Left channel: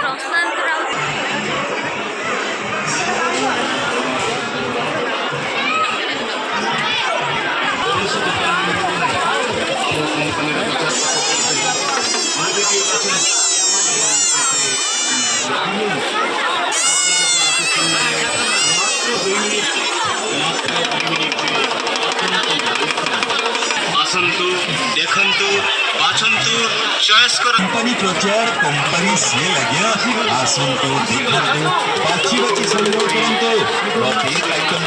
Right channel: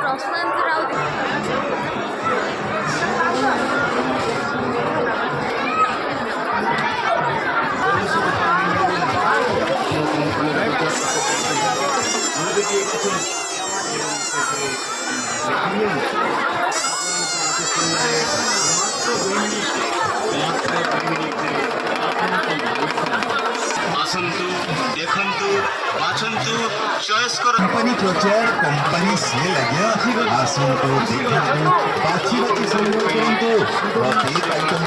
प्रशांत Raut आसन्तु देखन्तु बाछन्तु choice करो। Company प्रचार company से आज्ञा आसन्तु देखन्तु बाछी बाछी संग्रह करन्तु प्रत्येक आइटम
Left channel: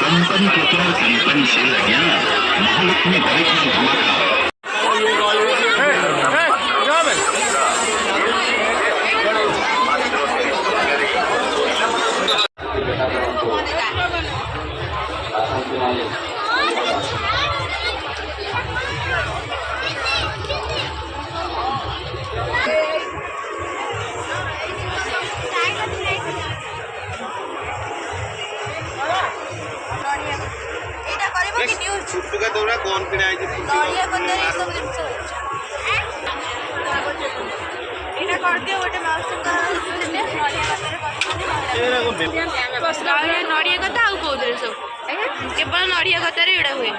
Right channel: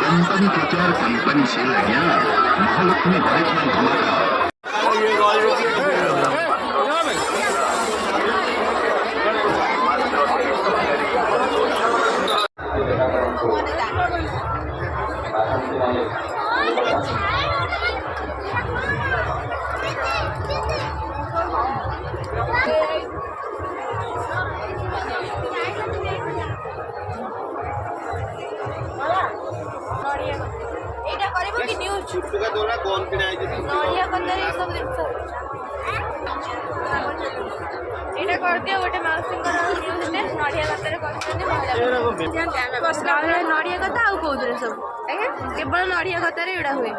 कंपनी प्रचार कंपनी से महालक्ष्मी बाइक में धमाका। छुटका दौरा कौन किना आइछि नडिया कते ई सब जिंस एटा कर दियो गोटे माउस कर दिले नडिया कते करछनी एरा को नडिया कथा आ को सब केवल नडिया कते रे एडा हुए।